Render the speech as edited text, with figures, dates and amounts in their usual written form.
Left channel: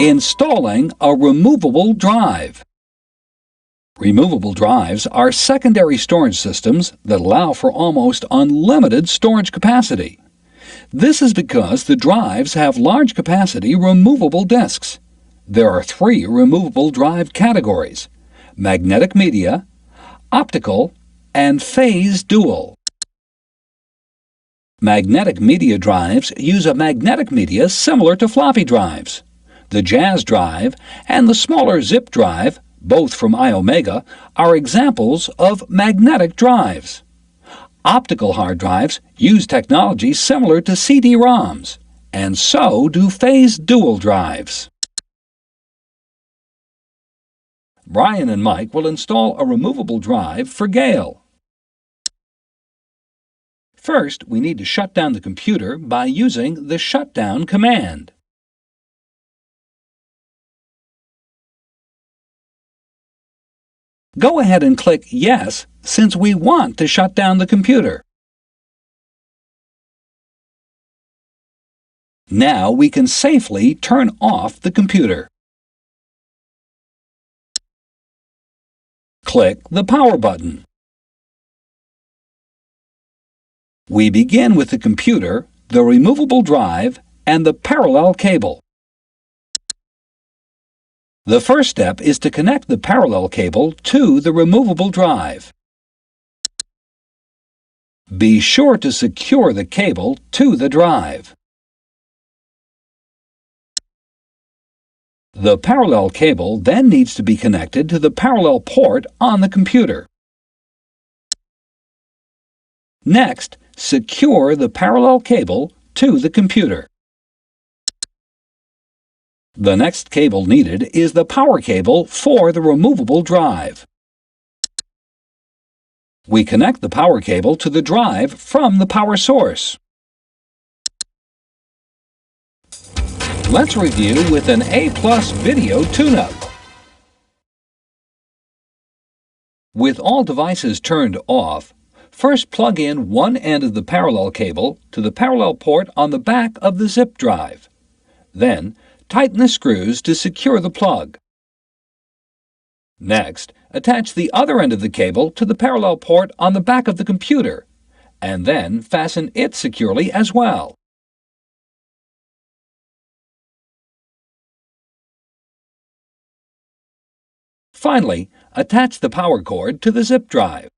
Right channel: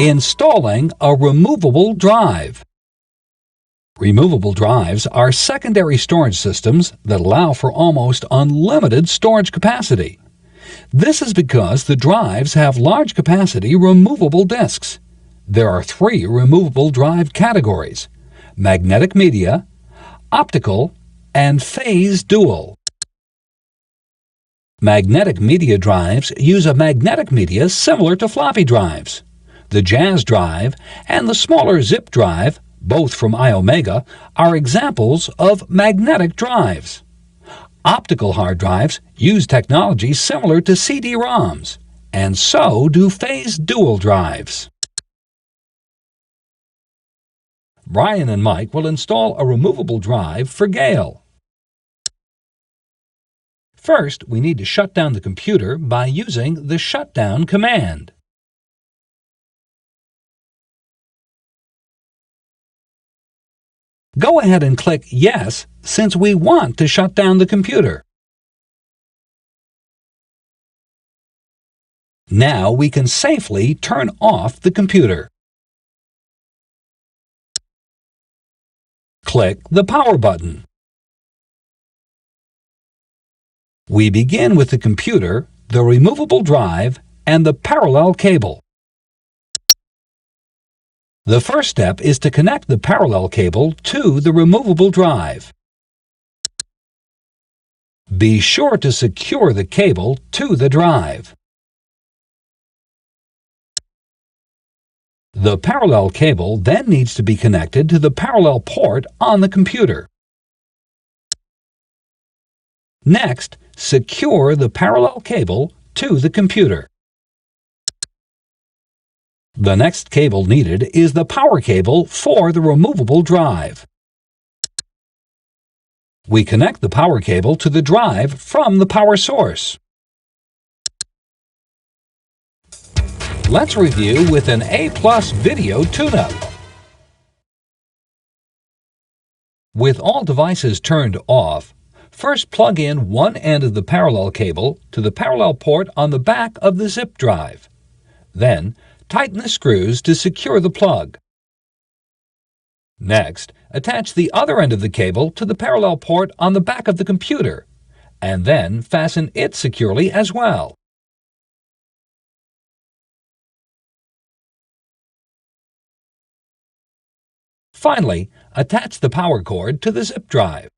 Installing a removable drive. Removable drives are secondary storage systems that allow for almost unlimited storage capacity. This is because the drives have large capacity removable disks. There are 3 removable drive categories: magnetic media, optical, and phase dual. Magnetic media drives use a magnetic media similar to floppy drives. The Jazz drive and the smaller Zip drive, both from iOmega, are examples of magnetic drives. Optical hard drives use technology similar to CD-ROMs, and so do phase dual drives. Brian and Mike will install a removable drive for Gail. First, we need to shut down the computer by using the shutdown command. Go ahead and click Yes since we want to shut down the computer. Now we can safely turn off the computer. Click the Power button. We begin with the computer, the removable drive, and the parallel cable. The first step is to connect the parallel cable to the removable drive. Be sure to secure the cable to the drive. The parallel cable then needs to be connected to the parallel port on the computer. Next, secure the parallel cable to the computer. The next cable needed is the power cable for the removable drive. We connect the power cable to the drive from the power source. Let's review with an A+ video tune-up. With all devices turned off, first plug in one end of the parallel cable to the parallel port on the back of the Zip drive. Then, tighten the screws to secure the plug. Next, attach the other end of the cable to the parallel port on the back of the computer, and then fasten it securely as well. Finally, attach the power cord to the Zip drive.